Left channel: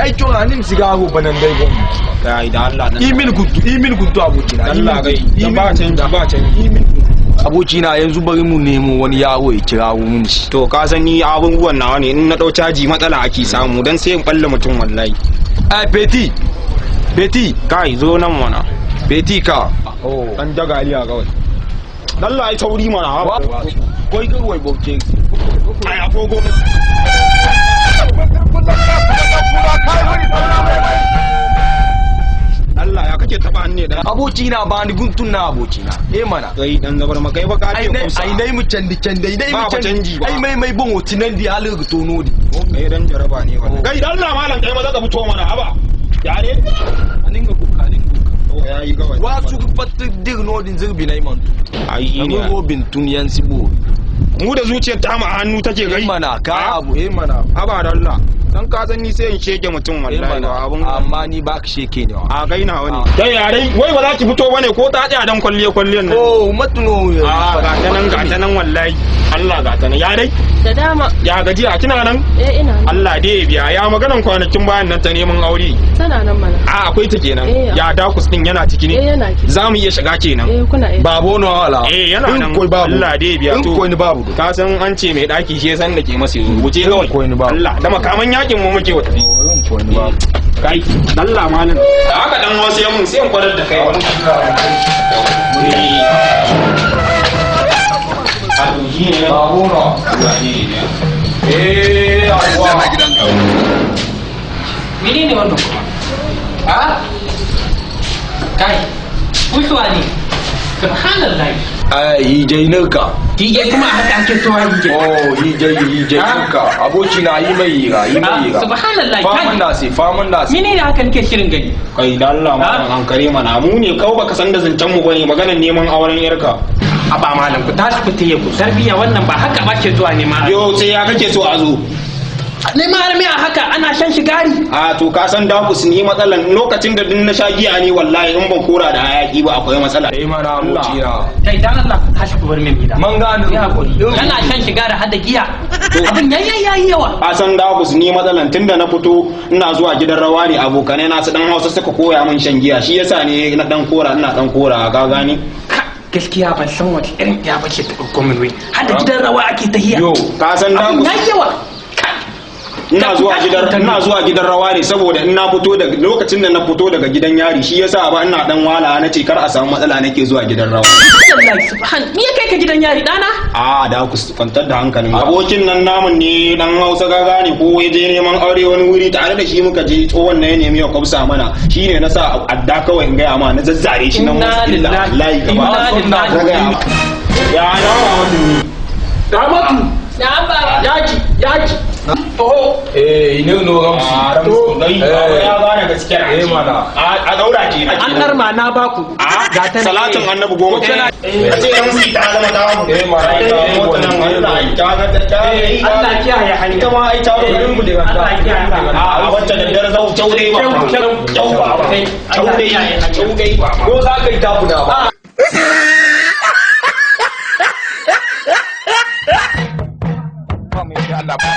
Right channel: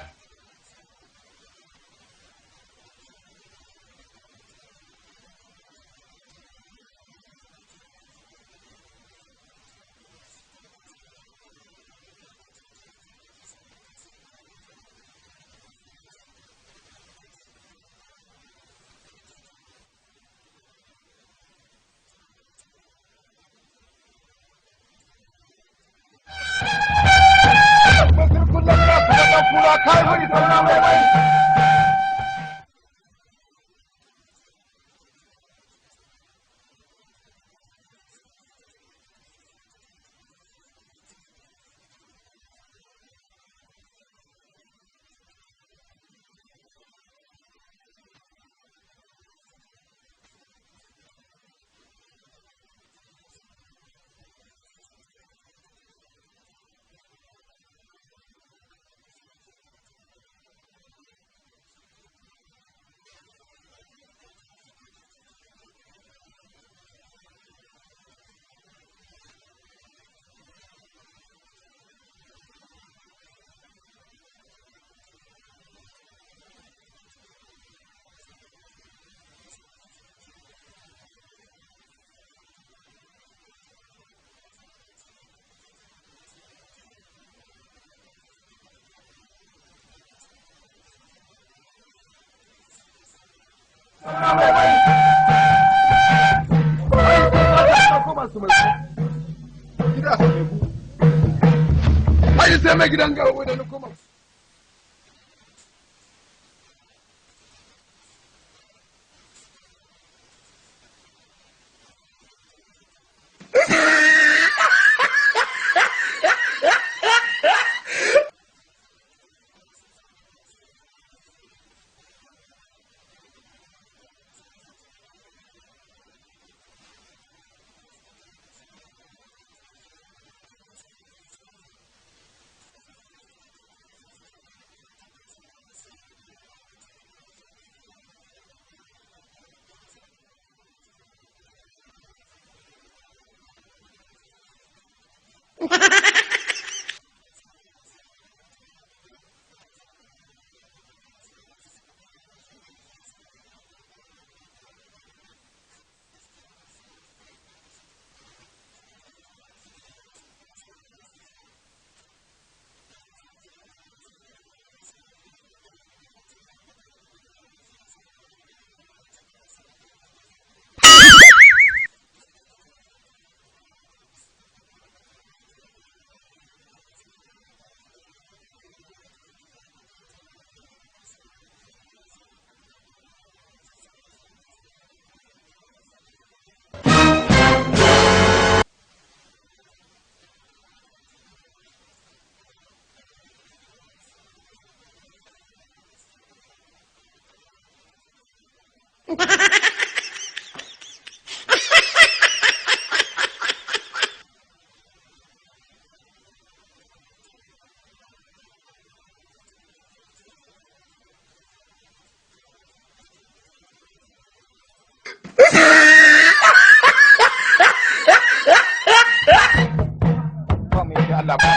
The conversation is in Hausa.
ai to anin siga go banan dai go kai da Allah dan imin gudu abokina Allah gai dan ba canji abokina yanzu bari mu nemo wani yawo ya kira mun shi to ka san ni abubuwan nawa ne in na dau caji matsala ake samu dan sai in balle mutum wallahi ai Beti kai zo nan mana Beti ka dan jagaliya kawai Allah ai tauri mana koi ga wai boke ai agogo Allah ya kake taba ne da abokina ba ni guntun na abokina mana kai dan zabar makai ba ka ce kusa ai nai mu candi dai mu canji ba ai mai bon hotinan di halu ga tono di kai dan jaraba ne wannan kai dan Allah malam kai maza ka fito mana haba ya ne aninga buka yayi kawai wasu fatta dir nodin zirbi nai man ai ne robin tun yan sibo mu da zuciyar ta mu a hannu take gai mana ka abu mana haba da Allah dan ka san ni sai in sheke mutum wallahi ba abun amma ni ba ka sheke ne a kai na wani kai yare wai ba za ki fito bane ko ta tsaya dan kwalliyan nan matuno a ga ta nan wallahi Allah ga ta nan ya dai da dama ya gaji a kina nan ina nan Allah dai ya biya ya maganan kwanakin bayan nan ta neman aure tana nan mana a akwai ta kenan ya dakus din yana ciki ne yana ciki za mu iya shiga kenan kuna babo no wala yana nan Allah dai ya biya to ko ni babu ka san an ce mai daki shi san da ke masa wuce kawai Allah da makaman yakin mu muke wata kai Allah malam da haka dan wasu yamun sai in kwarar da kai wannan menene wannan kuma kai kusuwa ne subhanallah hijai nirka hijai kuma haka ake cewa hijai nirka aboki na yi mai hira subhanallah faman nasi mene ne haka nake shirin gani kai da Allah ma hankali mana mu ne kawai baka san da zancen mu bane maganar neman auren yarka a ba malam ku tashi ku taye ku tarbiya wannan ba haka ba ke zuwa ne ma yo sai ya kake so a zo ne ma har a haka ana shan shigari a to ka san dakus ni matsalan lokacin da din na sha giya ne wallahi in ban kora da hayaki ba akwai matsala mana abokiya kai dan Allah ku tashi ku bar min gida man gano ya hakuri kana shan shigari har da giya abin nan yayi yawa ka san dakus ni matsalan tunda na fito ina zuwa gidan rawa ne abokanai na su dan Hausa suka koya min shan giya shi yasa ne na dan kora ina dan kora ka gani gaskiya ban san wata irin ya bace ta komin wai har da gidan rawa ake tahiya yo ka san dakus yawa ina zuwa gidan rawa ne saboda in na fito da lokacin da na fito daga gidan yari shi yasa ba ina dan wala na ce kar a samu matsala nake zuwa gidan rawa me ya kai ka gidan yari dana a da ku kwantar da hankalin abokin nan namun ne dan Hausa gaga ne ko ya je neman aure wani wuri tare da shi muka je tsohon na ya nemi ya kwafsa mana shine na sa adda kawai in gaya ma na zazzare shi nan wallahi gaba ya Ramatu yaki ine no gamsu ya gane gaskiya mana a daura ke an darma na baku ga ta salatin annabi goma sai dan mu ta zama dawo mana Allah kiyaye hanya kuma ai ta garin mu da Allah kiyaye a wacce da dare zau taure ba taure ba ko za ka yi tabuna ba Allah ba